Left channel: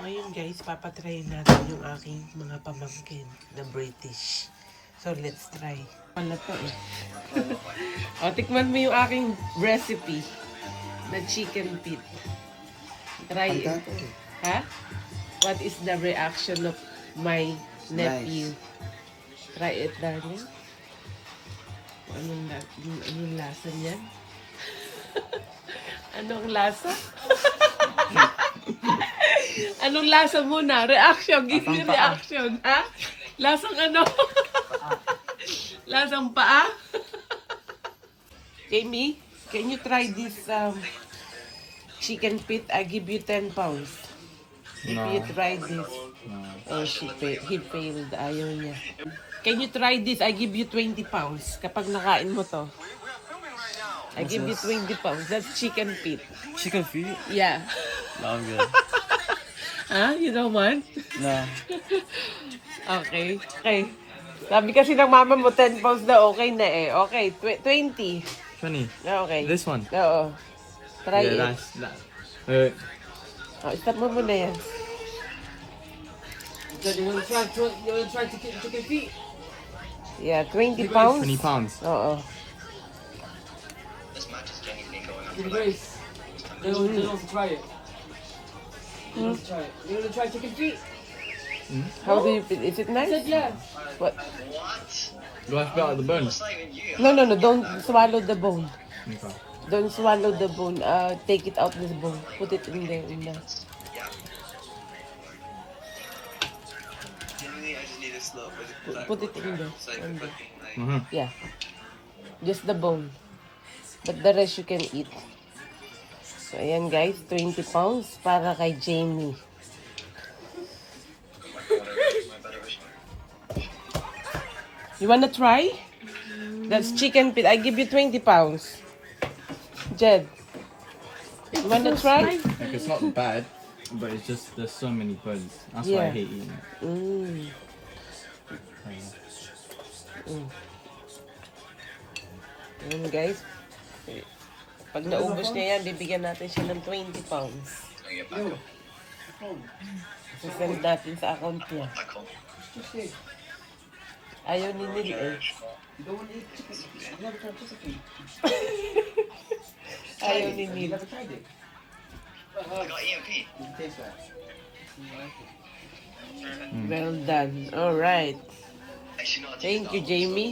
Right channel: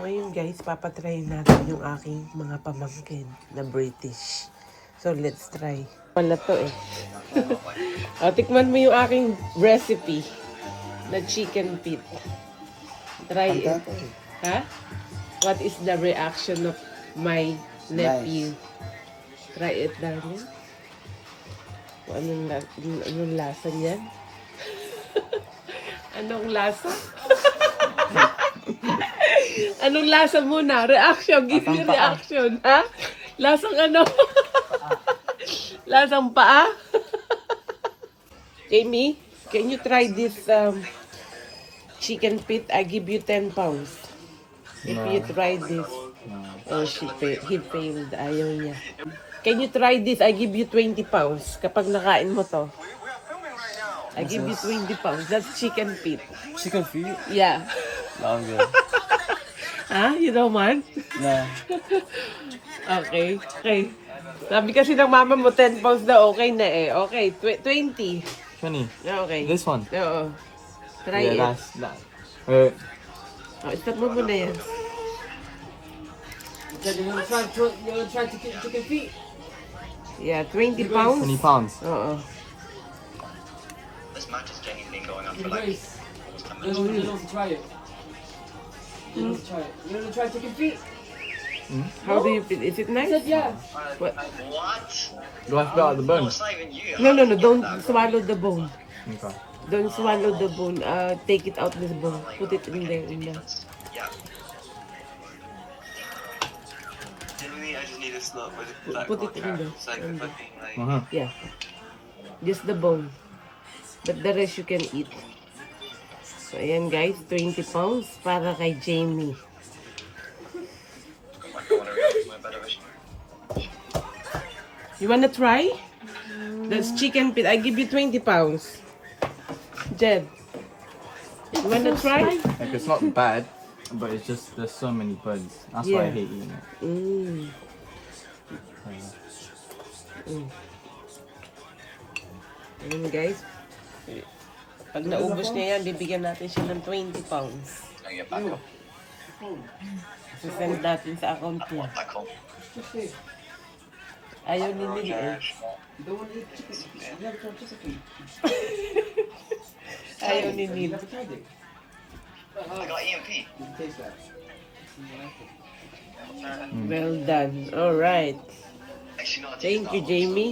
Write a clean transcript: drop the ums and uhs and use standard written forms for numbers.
Ngayon guys, papatry natin yung aking mga pamangkin na British. So let's try. Wala to eh. O, tikman mo yung aking recipe na chicken feet. Try it. Ha? What is the reaction of my nephew? Try it, darling. Anong lasa niyan? Anong lasa? Anong lasa muna? Reaction. Give me reaction. Ha? Lasang ano? Lasang paa? Jamie, can you try this chicken feet? I give you 10 pounds. If you try this. Oh, he failed. Ayaw niya. Can you try this? I give you 20 pounds. Kapag nakain mo to. I give you 20 pounds. That's chicken feet. Chicken feet? Yeah. No, I'm good. Huh? You don't want? No. Okay. Okay. Sabi kasi ng mama mo 10 pounds na okay na eh. Okay. 20. 20. Okay. This one? Oo. Try Yeah, it. that's that. Alright. Oh, start mo muna yan. You're gonna try chicken feet? Yeah, 20 pounds. 20 pounds. Oo. Give it grace. You don't try it. You don't try it. You wanna try chicken feet? How do you feel? Is it nice? Yeah. What? Do I spit out the bone? No. Don't swallow the bone. Okay. Don't swallow the bone. Take it out this bone. Put it in there. In there. I just need a slot with Put it in there. so I can fucking like Yeah. Just the bone. But the rest you can eat. So, ayan guys. 20 pounds para kay Jamie. You wanna try? That's chicken feet. I give you 20 pounds. Jed. You wanna try? Like, it's not bad, but it's just there's so many bugs. That's why I Yeah. hate eating it. Ayan guys. Pag naubos niya yan, bibigyan natin siya ng 20 pounds. Sisend natin sa account niya. Ayaw ni Lily eh. You don't wanna eat chicken feet. You never tried chicken feet. Ayaw ni You Lily. never tried it. I got EMP. You taste that. You like it. Well done. Alright. Actually, not Thank you, Jamie.